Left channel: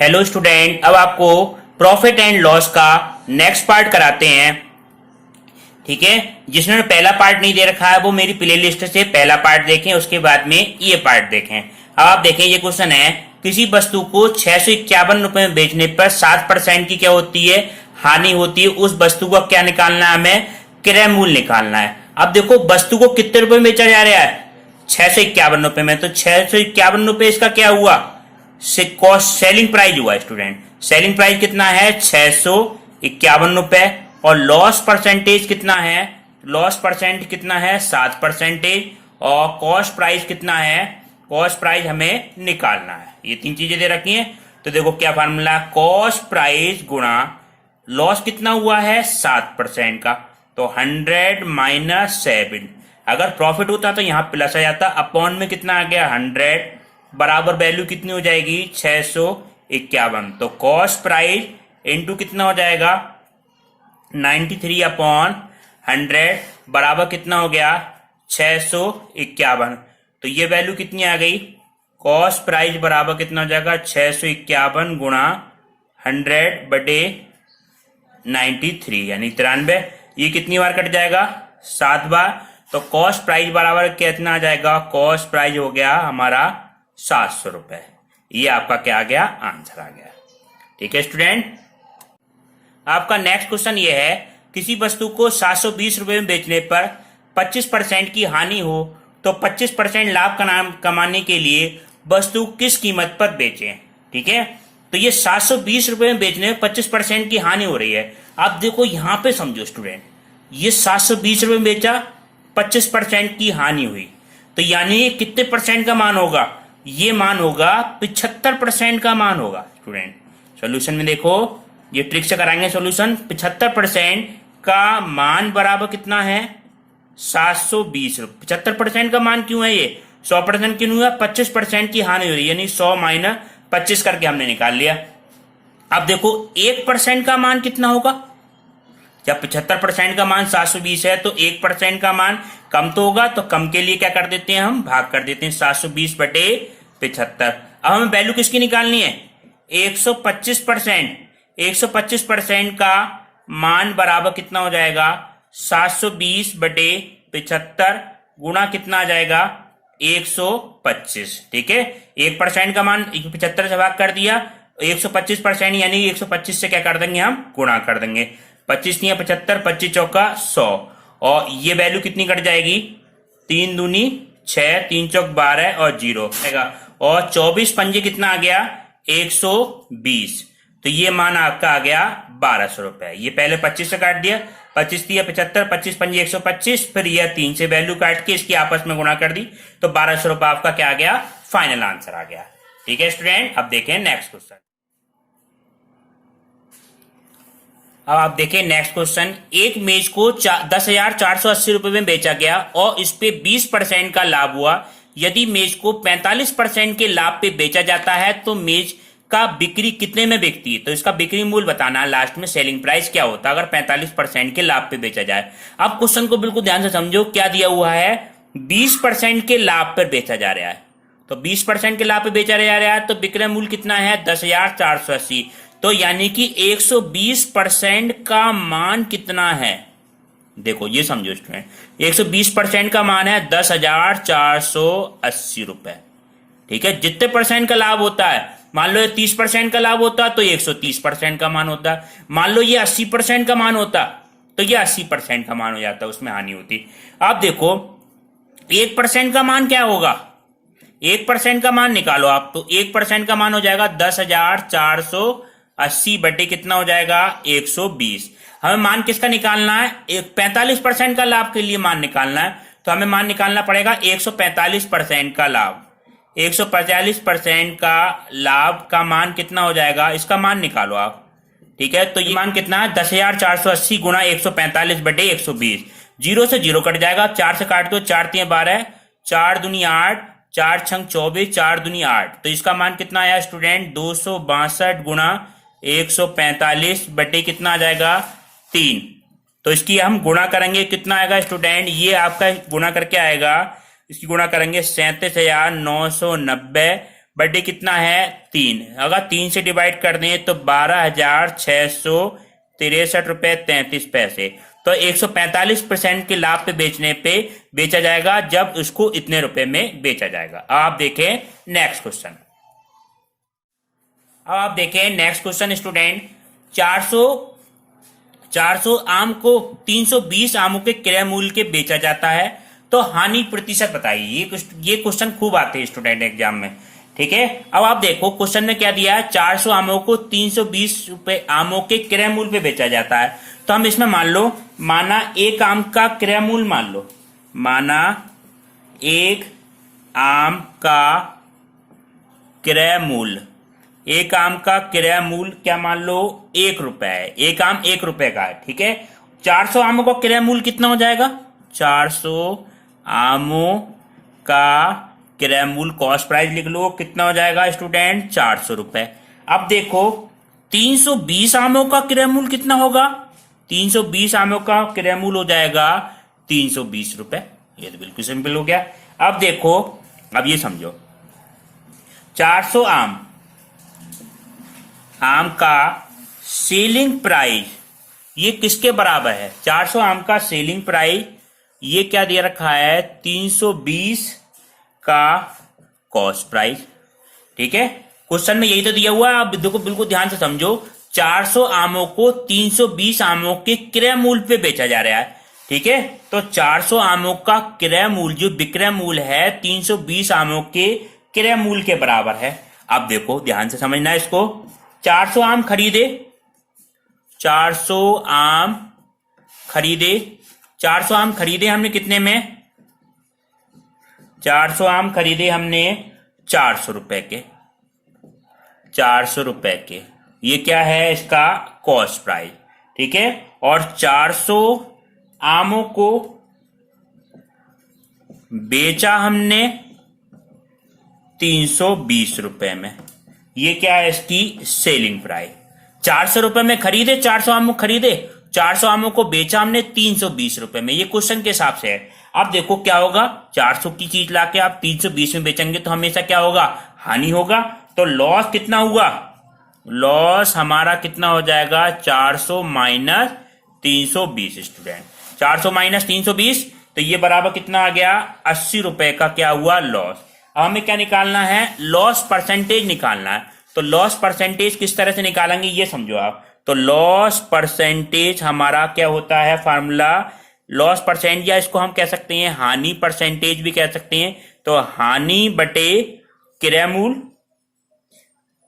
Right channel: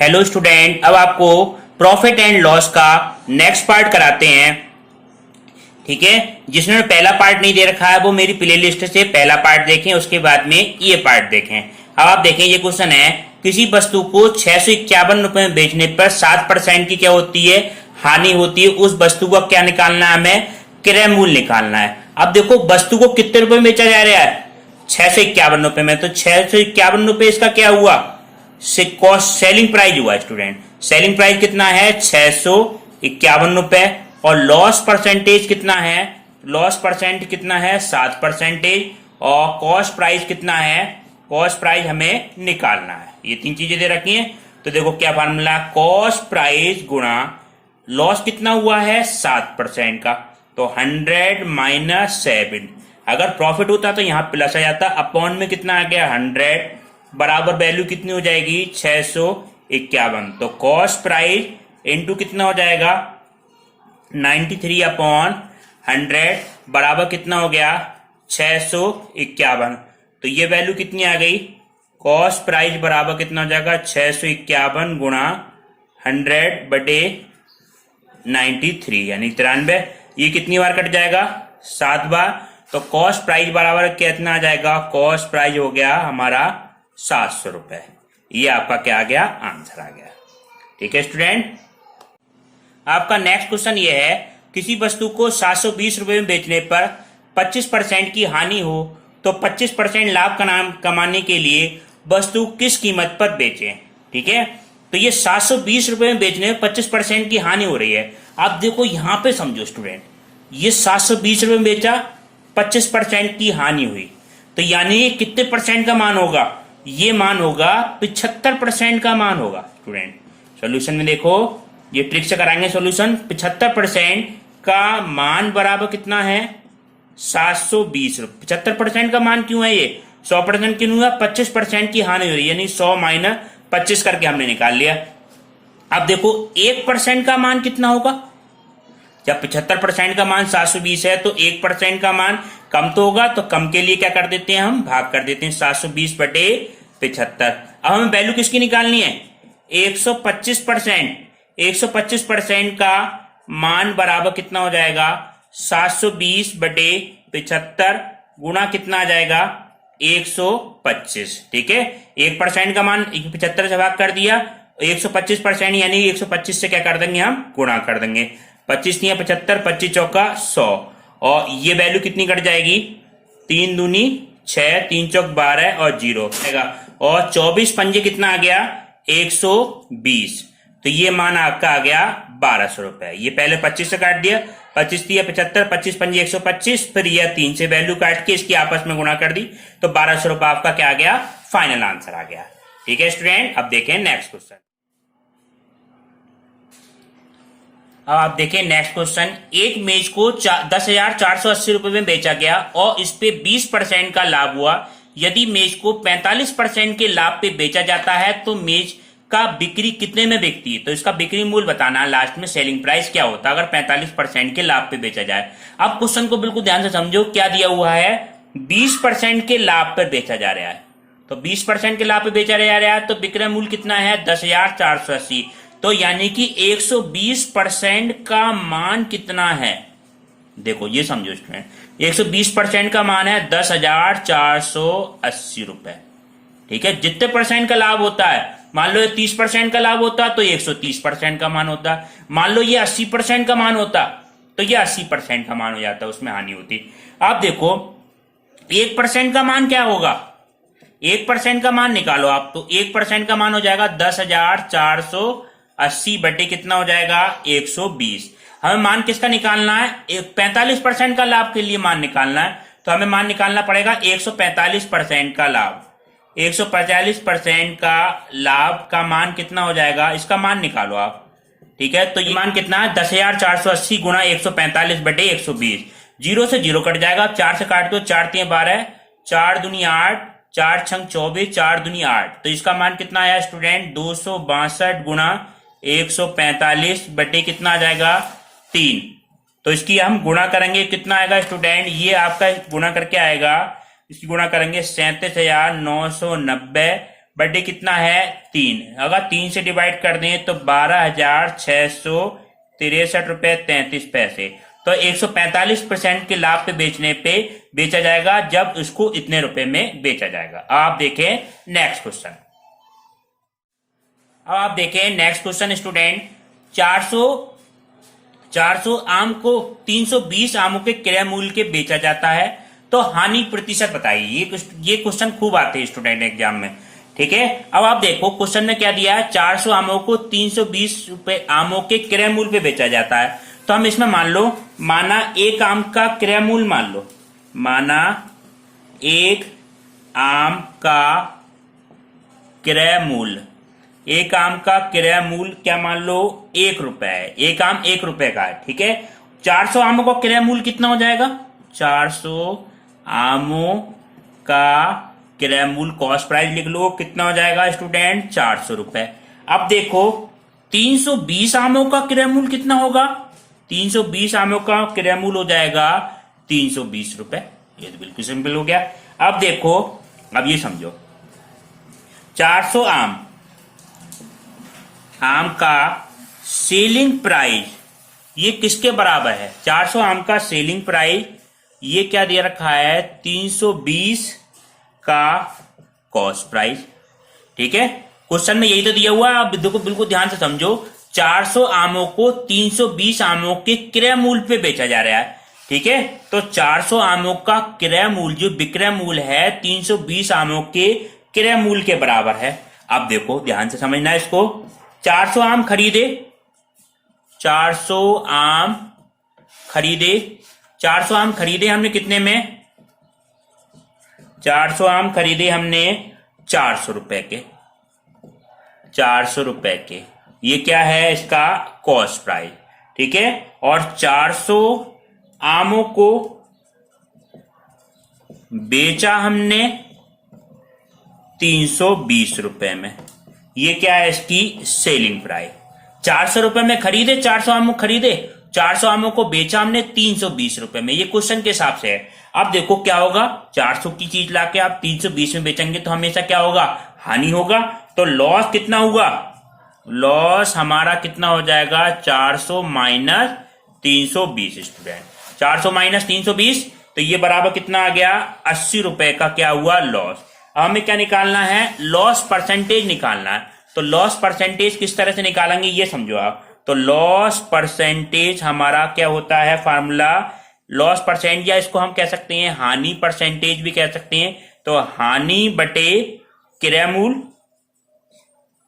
Hello student, अब आपको profit and loss का नेक्स्ट पार्ट कराते हैं। ठीक है, जिसने पहला पार्ट नहीं दे रखा है वो मेरी प्लेलिस्ट से पहला पार्ट देखें, उसके बाद में ये पार्ट देखें। अब आप देखें, ये क्वेश्चन है, किसी वस्तु को 651 रुपए में बेचने पर 7% की क्या होती है, हानि होती है। उस वस्तु को क्या निकालना है, हमें क्रय मूल्य निकालना है। अब देखो, वस्तु को कितने रुपए में बेचा जा रहा है, 651 रुपए में। तो 651 रुपए इसका क्या हुआ, कॉस्ट सेलिंग प्राइस हुआ। स्टूडेंट, सेलिंग प्राइस कितना है, 651 रुपए। और लॉस परसेंटेज कितना है, लॉस परसेंट कितना है, 7%। और कॉस्ट प्राइस कितना है, कॉस्ट प्राइस हमें निकालना है। ये तीन चीजें दे रखी हैं। तो देखो क्या फार्मूला, कॉस्ट प्राइस गुणा लॉस कितना हुआ है, 7% का। तो 100 माइनस 7। अगर प्रॉफिट होता तो यहां प्लस आ जाता, अपॉन में कितना आ गया, 100 बराबर वैल्यू कितनी हो जाएगी, 651। तो कॉस्ट प्राइस इंटू कितना हो जाएगा, 93/100 बराबर कितना हो गया, 651। तो ये वैल्यू कितनी आ गई, कॉस्ट प्राइस बराबर कितना हो जाएगा, 651 गुणा 100/93 यानी 93। ये कितनी बार कट जाएगा, 7 बार। तो कॉस्ट प्राइस बराबर कितना आ जाएगा, कॉस्ट प्राइस हो गया हमारा 700 रुपए। ये आपका क्या आ गया, आंसर आ गया। ठीक है स्टूडेंट, आपका नेक्स्ट क्वेश्चन ये है, किसी वस्तु को 720 रुपए में बेचने पर 25% की हानि हो तो 25% लाभ कमाने के लिए वस्तु किस कीमत पर बेचें। ठीक है, तो ये 720 रुपए में बेचने में 25% की हानि हो रही है। आप देखो यहां पे समझो स्टूडेंट, ये 720 रुपए में बेचा, 25% की हानि हुई, तो यानी ये कितने परसेंट का मान होगा, ये मान होगा 75% का मान होगा। स्टूडेंट सॉल्यूशन में देखो, ये ट्रिक से कराएंगे सॉल्यूशन। 75% का मान बराबर कितना है, 720 रुपए। 75% का मान क्यों है, ये 100% क्यों हुआ, 25% की हानि हो रही है, यानी 100 माइनस 25 करके हमने निकाल लिया। अब देखो 1% का मान कितना होगा, जब 75% का मान 720 है तो 1% का मान कम तो होगा, तो कम के लिए क्या कर देते हैं, हम भाग कर देते हैं 720/75। अब हमें वैल्यू किसकी निकालनी है, 125%। 125% का मान बराबर कितना हो जाएगा, 720/75 गुणा कितना आ जाएगा, 125। ठीक है, 1% का मान 75 से भाग कर दिया, 125% यानी 125 से क्या कर देंगे, हम गुणा कर देंगे। 25 नहीं 75, 25 चौका 100। और ये वैल्यू कितनी कट जाएगी, 3 दूनी 6, 3 चौक 12 और 0 आएगा। और 24 पंजे कितना आ गया, 120। तो ये मान आपका आ गया 1200 रुपए। ये पहले 25 से काट दिया, 25 दिया 75, 25 पंजे 125, फिर यह 3 से वैल्यू काट के इसकी आपस में गुणा कर दी, तो 1200 रुपए आपका क्या आ गया, फाइनल आंसर आ गया। ठीक है स्टूडेंट, अब देखें नेक्स्ट क्वेश्चन। अब आप देखें नेक्स्ट क्वेश्चन, एक मेज को 10,480 रुपए में बेचा गया और इस पे 20% का लाभ हुआ। यदि मेज को 45% के लाभ पे बेचा जाता है तो मेज का बिक्री कितने में बिकती है। तो इसका बिक्री मूल्य बताना, लास्ट में सेलिंग प्राइस क्या होता है अगर 45% के लाभ पे बेचा जाए। अब क्वेश्चन को बिल्कुल ध्यान से समझो, क्या दिया हुआ है, 20% के लाभ पर बेचा जा रहा है। तो 20% के लाभ पे बेचा जा रहा है तो विक्रय मूल्य कितना है, 10,480। तो यानी कि 120% का मान कितना है, देखो ये समझो स्टूडेंट, 120% का मान है 10,480 रुपए। ठीक है, जितने परसेंट का लाभ होता है, मान लो ये 30% का लाभ होता तो 130% का मान होता, मान लो ये 80% का मान होता तो ये 80% का मान हो जाता, उसमें हानि होती। आप देखो 1% का मान क्या होगा, 1% का मान निकालो आप, तो 1% का मान हो जाएगा 10,480 बटे कितना हो जाएगा, 120। हमें मान किसका निकालना है, 45% का लाभ के लिए मान निकालना है, तो हमें मान निकालना पड़ेगा 145% का लाभ। 145% का लाभ का मान कितना हो जाएगा, इसका मान निकालो आप। ठीक है, तो ये मान कितना है, 10,480 गुणा 145/120। 0 से 0 कट जाएगा, 4 से काट दो, 4 3 12, 4 दूनी 8, 4 6 24, 4 दूनी 8। तो इसका मान कितना आया स्टूडेंट, 262 गुणा 145 बटे कितना आ जाएगा, 3। तो इसकी हम गुणा करेंगे, कितना आएगा स्टूडेंट, ये आपका गुणा करके आएगा, इसकी गुणा करेंगे 37,990 बटे कितना है 3। अगर 3 से डिवाइड कर दें तो 12,663 रुपए 33 पैसे। तो 145% के लाभ पे बेचने पे बेचा जाएगा जब उसको इतने रुपए में बेचा जाएगा। आप देखें नेक्स्ट क्वेश्चन। अब आप देखें नेक्स्ट क्वेश्चन स्टूडेंट। 400 आम को 320 आमों के क्रय मूल्य के बेचा जाता है तो हानि प्रतिशत बताइए। ये क्वेश्चन खूब आते हैं स्टूडेंट एग्जाम में, ठीक है। अब आप देखो क्वेश्चन में क्या दिया है, 400 आमों को 320 रुपए आमों के क्रय मूल्य पे बेचा जाता है। तो हम इसमें मान लो, माना एक आम का क्रय मूल्य मान लो, माना एक आम का क्रय मूल्य, एक आम का क्रय मूल्य क्या मान लो 1 रुपए है। एक आम 1 रुपए का है, ठीक है। 400 आमों का क्रय मूल्य कितना हो जाएगा, 400 आमों का क्रय मूल्य कॉस्ट प्राइस लिख लो, कितना हो जाएगा स्टूडेंट 400 रुपए। अब देखो 320 आमों का क्रय मूल्य कितना होगा, 320 आमों का क्रय मूल्य हो जाएगा 320 रुपए। ये तो बिल्कुल सिंपल हो गया। अब देखो, अब ये समझो 400 आम का सेलिंग प्राइस ये किसके बराबर है, 400 आम का सेलिंग प्राइस ये क्या दिया रखा है 320 का कॉस्ट प्राइस, ठीक है। क्वेश्चन में यही तो दिया हुआ है। आप देखो बिल्कुल ध्यान से समझो, 400 आमों को 320 आमों के क्रय मूल्य पे बेचा जा रहा है, ठीक है। तो 400 आमों का क्रय मूल्य जो विक्रय मूल्य है 320 आमों के क्रय मूल्य के बराबर है। अब देखो ध्यान से समझना है इसको, 400 आम खरीदे, 400 आम खरीदे, 400 आम खरीदे हमने कितने में, 400 आम खरीदे हमने 400 रुपए के, 400 रुपए के। ये क्या है इसका कॉस्ट प्राइस, ठीक है। और 400 आमों को बेचा हमने 320 रुपए में, ये क्या है इसकी सेलिंग प्राइस। 400 रुपए में खरीदे, 400 आमों खरीदे, 400 आमों को बेचा हमने 320 रुपए में, ये क्वेश्चन के हिसाब से है। अब देखो क्या होगा, 400 की चीज लाके आप 320 में बेचेंगे तो हमेशा क्या होगा, हानि होगा। तो लॉस कितना हुआ, लॉस हमारा कितना हो जाएगा 400 माइनस 320 स्टूडेंट, 400 माइनस 320 तो ये बराबर कितना आ गया 80 रुपए का क्या हुआ लॉस। हमें क्या निकालना है, लॉस परसेंटेज निकालना है। तो लॉस परसेंटेज किस तरह से निकालेंगे ये समझो आप। तो लॉस परसेंटेज हमारा क्या होता है फार्मूला, लॉस परसेंट या इसको हम कह सकते हैं हानि परसेंटेज भी कह सकते हैं। तो हानि बटे क्रय मूल्य,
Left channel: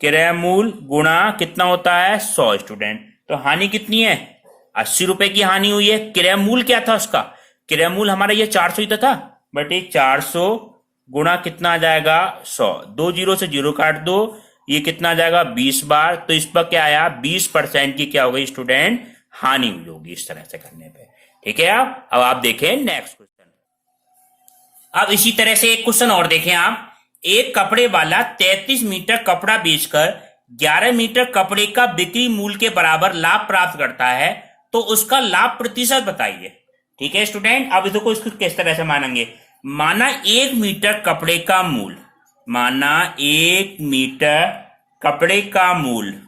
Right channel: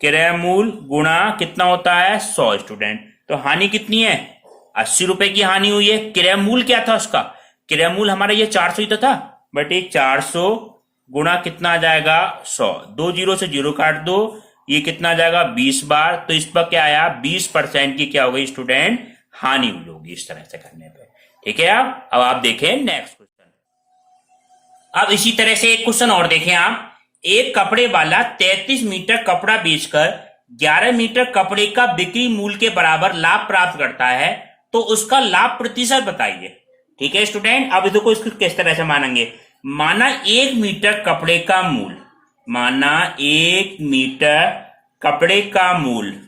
क्रय मूल्य गुणा कितना होता है 100 स्टूडेंट। तो हानि कितनी है 80 रुपए की हानि हुई है। क्रय मूल्य क्या था उसका, क्रय मूल्य हमारा ये 400 ही तो था, बटे 400 गुणा कितना आ जाएगा 100, 2 जीरो से जीरो काट दो, ये कितना आ जाएगा 20 बार। तो इस पर क्या आया 20% की क्या हो गई स्टूडेंट हानि हुई होगी इस तरह से करने पे, ठीक है। अब आप देखें नेक्स्ट क्वेश्चन। अब इसी तरह से एक क्वेश्चन और देखें आप, एक कपड़े वाला 33 मीटर कपड़ा बेचकर 11 मीटर कपड़े का बिक्री मूल्य के बराबर लाभ प्राप्त करता है तो उसका लाभ प्रतिशत बताइए, ठीक है स्टूडेंट। अब देखो इसको किस तरह से मानेंगे, माना 1 मीटर कपड़े का मूल्य, माना 1 मीटर कपड़े का मूल्य,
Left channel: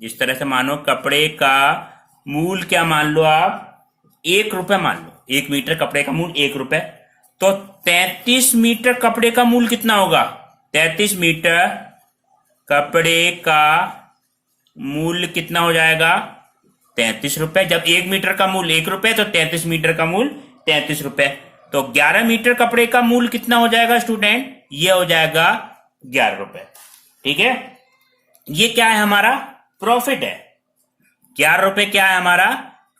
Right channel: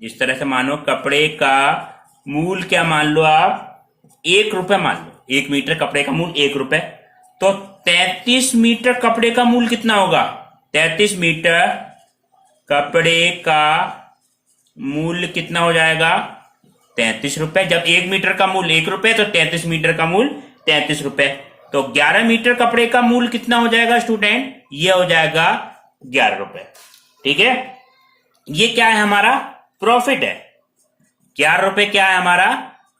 जिस तरह से मानो कपड़े का मूल्य क्या मान लो आप 1 रुपए मान लो, 1 मीटर कपड़े का मूल्य 1 रुपए। तो 33 मीटर कपड़े का मूल्य कितना होगा, 33 मीटर कपड़े का मूल्य कितना हो जाएगा 33 रुपए। जब 1 मीटर का मूल्य 1 रुपए तो 33 मीटर का मूल्य 33 रुपए। तो 11 मीटर कपड़े का मूल्य कितना हो जाएगा स्टूडेंट, ये हो जाएगा 11 रुपए, ठीक है। ये क्या है हमारा प्रॉफिट है, 11 रुपए क्या है हमारा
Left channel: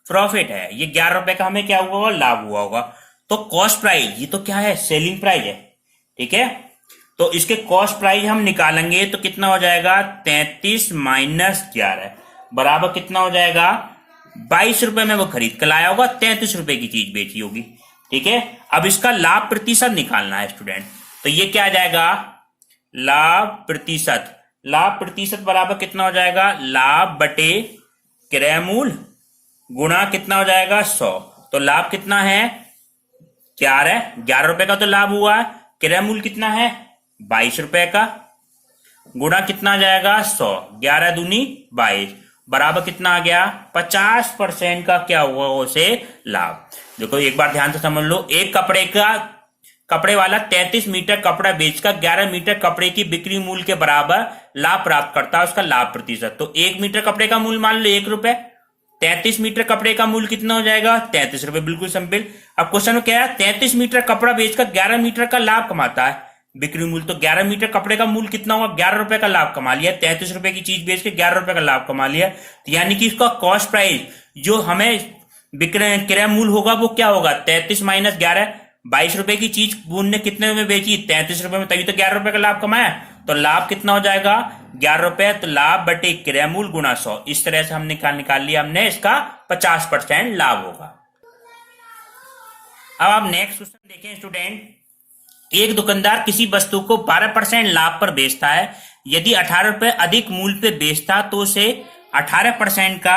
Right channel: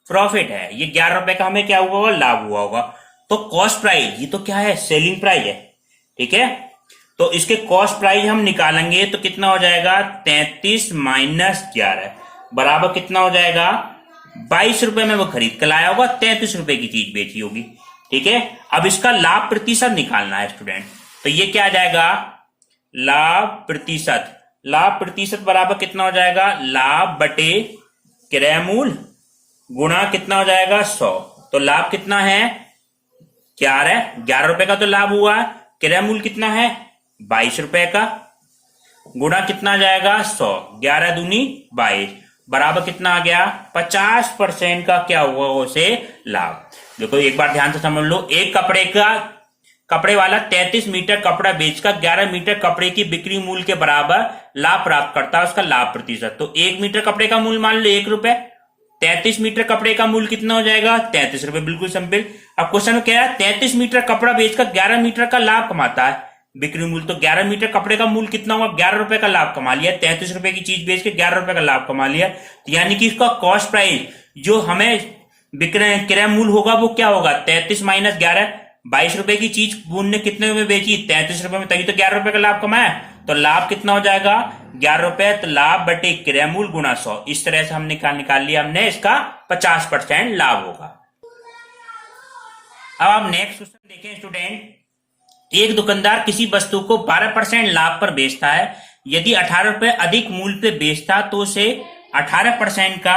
प्रॉफिट है। ये 11 रुपए का हमें क्या हुआ होगा लाभ हुआ होगा। तो कॉस्ट प्राइस ये तो क्या है सेलिंग प्राइस है, ठीक है। तो इसके कॉस्ट प्राइस हम निकालेंगे तो कितना हो जाएगा 33 माइनस 11 बराबर कितना हो जाएगा 22 रुपए में वो खरीद कर लाया होगा, 33 रुपए की चीज बेची होगी, ठीक है। अब इसका लाभ प्रतिशत निकालना है स्टूडेंट। तो ये क्या आ जाएगा लाभ प्रतिशत, लाभ प्रतिशत बराबर कितना हो जाएगा लाभ बटे क्रय मूल्य गुणा कितना हो जाएगा 100। तो लाभ कितना है 11 रुपए का तो लाभ हुआ, क्रय मूल्य कितना है 22 रुपए का। गुणा कितना आ जाएगा 100, 11 दूनी 22 बराबर कितना आ गया 50% का क्या हुआ उसे लाभ। देखो एक बार ध्यान से समझ लो, एक कपड़े वाला 33 मीटर कपड़ा बेचकर 11 मीटर कपड़े की बिक्री मूल्य के बराबर लाभ प्राप्त करता है, उसका लाभ प्रतिशत। तो 1 मीटर कपड़े का मूल्य मान लो 1 रुपए, 33 मीटर कपड़े का मूल्य कितना हो जाएगा 33 रुपए, बिल्कुल सिंपल। अब क्वेश्चन में क्या है, 33 मीटर कपड़ा बेचकर 11 मीटर का लाभ कमाता है बिक्री मूल्य, तो 11 मीटर कपड़े का मूल्य कितना होगा 11 रुपए का लाभ कमा लिया, 33 रुपए की चीज बेच के 11 रुपए का लाभ कमा लिया। तो यानी कि इसका कॉस्ट प्राइस जो हमें क्रय मूल्य होगा वो क्या होगा 33 माइनस 11, 22 रुपए की चीज उनने कितने में बेची 33 रुपए में, तभी तो 11 रुपए का लाभ कमाया। तो लाभ कितना हो जाएगा 11 रुपए, तो लाभ बटे क्रय मूल्य गुणा 100। इस तरह से हमने निकाल लिया, हमने इसका 50% लाभ होगा। अब आप नेक्स्ट क्वेश्चन देखें स्टूडेंट, एक दुकानदार किसी वस्तु को 12% लाभ पर बेचता है, यदि 18 रुपए अधिक मूल्य पे बेचता तो उसे 18% का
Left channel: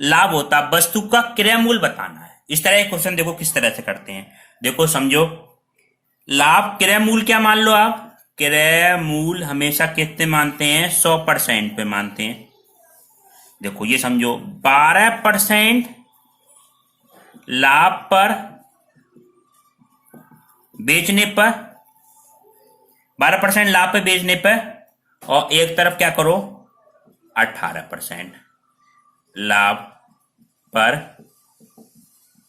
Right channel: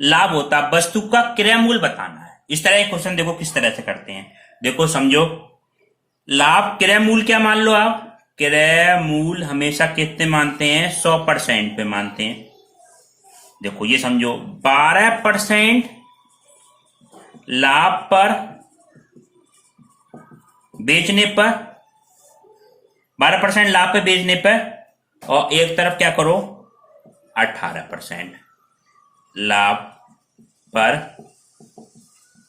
लाभ होता, वस्तु का क्रय मूल्य बताना है। इस तरह के क्वेश्चन देखो किस तरह से करते हैं, देखो समझो। लाभ क्रय मूल्य क्या मान लो आप, क्रय मूल्य हमेशा कितने मानते हैं 100% पे मानते हैं। देखो ये समझो 12% लाभ पर बेचने पर, 12% लाभ पे बेचने पर, और एक तरफ क्या करो 18% लाभ पर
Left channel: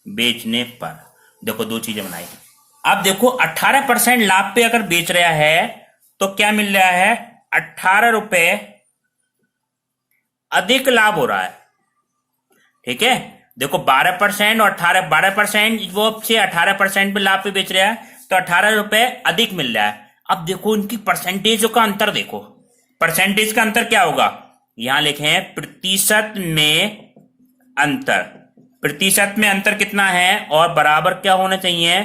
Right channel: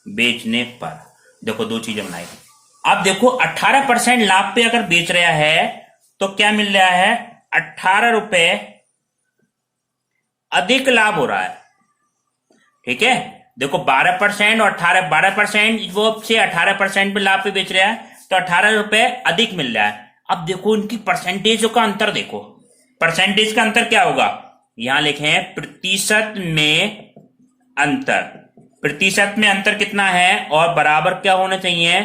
बेचने पर। देखो दो चीजें बनाई। अब देखो 18% लाभ पे अगर बेच रहा है तो क्या मिल रहा है 18 रुपए अधिक लाभ हो रहा है, ठीक है। देखो 12% और 12% वो से 18% पे लाभ पे बेच रहा है तो 18 रुपए अधिक मिल रहा है। अब देखो उनकी परसेंटेज का अंतर, देखो परसेंटेज का अंतर क्या होगा, यहां लिखे हैं प्रतिशत में अंतर। प्रतिशत में अंतर कितना है और बराबर क्या होना चाहिए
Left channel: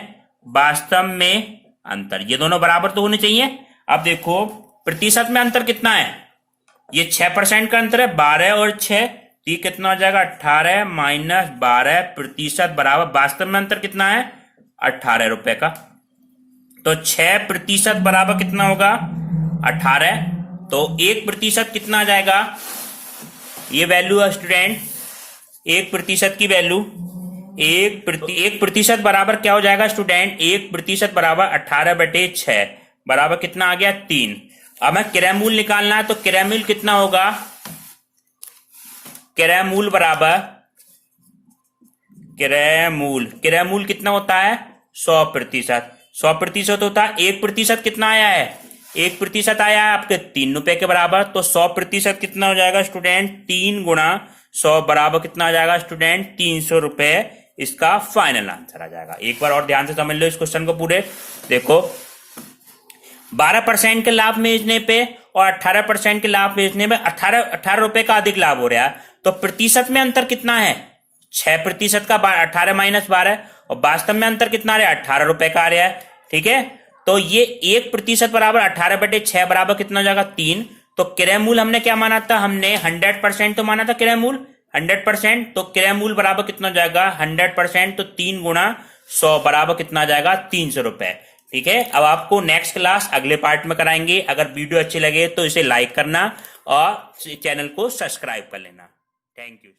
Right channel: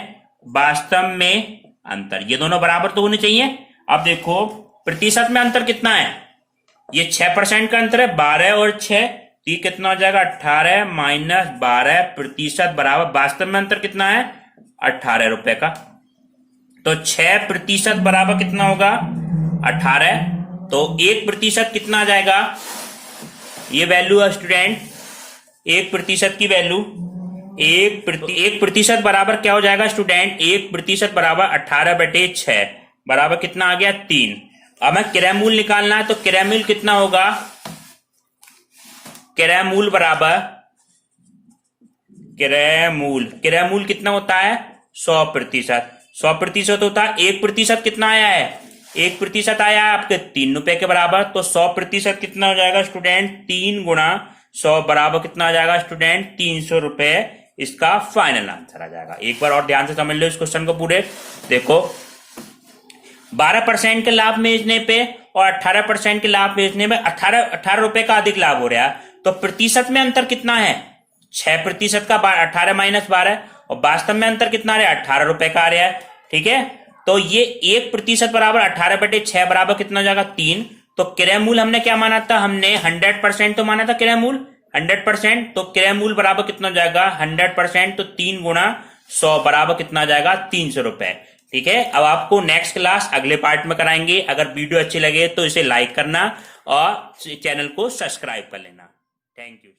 वास्तव में अंतर, ये दोनों बराबर तो होने चाहिए। अब देखो प्रतिशत में अंतर कितना है, ये 6% का अंतर है, 12 और 6, ये कितना हो जाएगा 18 माइनस 12 प्रतिशत बराबर वास्तव में अंतर कितना है 18 रुपए का। तो 6% बराबर कितना होगा 18, तो 1% कितना आ जाएगा, ये वैल्यू है स्टूडेंट 1% की वैल्यू, 1% बराबर क्या हो जाएगा स्टूडेंट, 1% बराबर 18/6 बराबर कितना आ गया 3। अब मैं क्रय मूल्य निकालना है, तो क्रय मूल्य कितना होगा, क्रय मूल्य बराबर क्रय मूल्य कितना होता है 100%, 100% होता है। 1% कितना आया है, 1% आया है आपके 3 रुपए के बराबर, तो 100% कितना हो जाएगा स्टूडेंट 3 गुणा 100 बराबर कितना आ जाएगा स्टूडेंट 300 रुपए, इसका फाइनल आंसर आ जाएगा। एक बार और ध्यान से समझ लो इस क्वेश्चन को पूरे। देखो 12% के लाभ बेचने पे और 18% के लाभ बेचने में 18 रुपए का अधिक लाभ हो रहा है, तो प्रतिशत में अंतर कितना है 6% का 18 माइनस 12, और वास्तव में अंतर कितना आ रहा है 18 रुपए का आ रहा है, ठीक है। तो ये 1% बराबर 18/6 बराबर कितना हो जाएगा 3। तो क्रय मूल्य हमने क्या माना था, हमने 100% तो माना था क्रय मूल्य 100%, तो क्रय मूल्य बराबर कितना हो जाएगा 100%, तो 3 गुणा 100 बराबर कितना आ जाएगा 300 रुपए, ठीक है। अब आपको नेक्स्ट क्लास अगले पार्ट में कराएंगे। अगर वीडियो अच्छी लगे तो इसे लाइक करना और चैनल को सब्सक्राइब कर लेना। Thank you.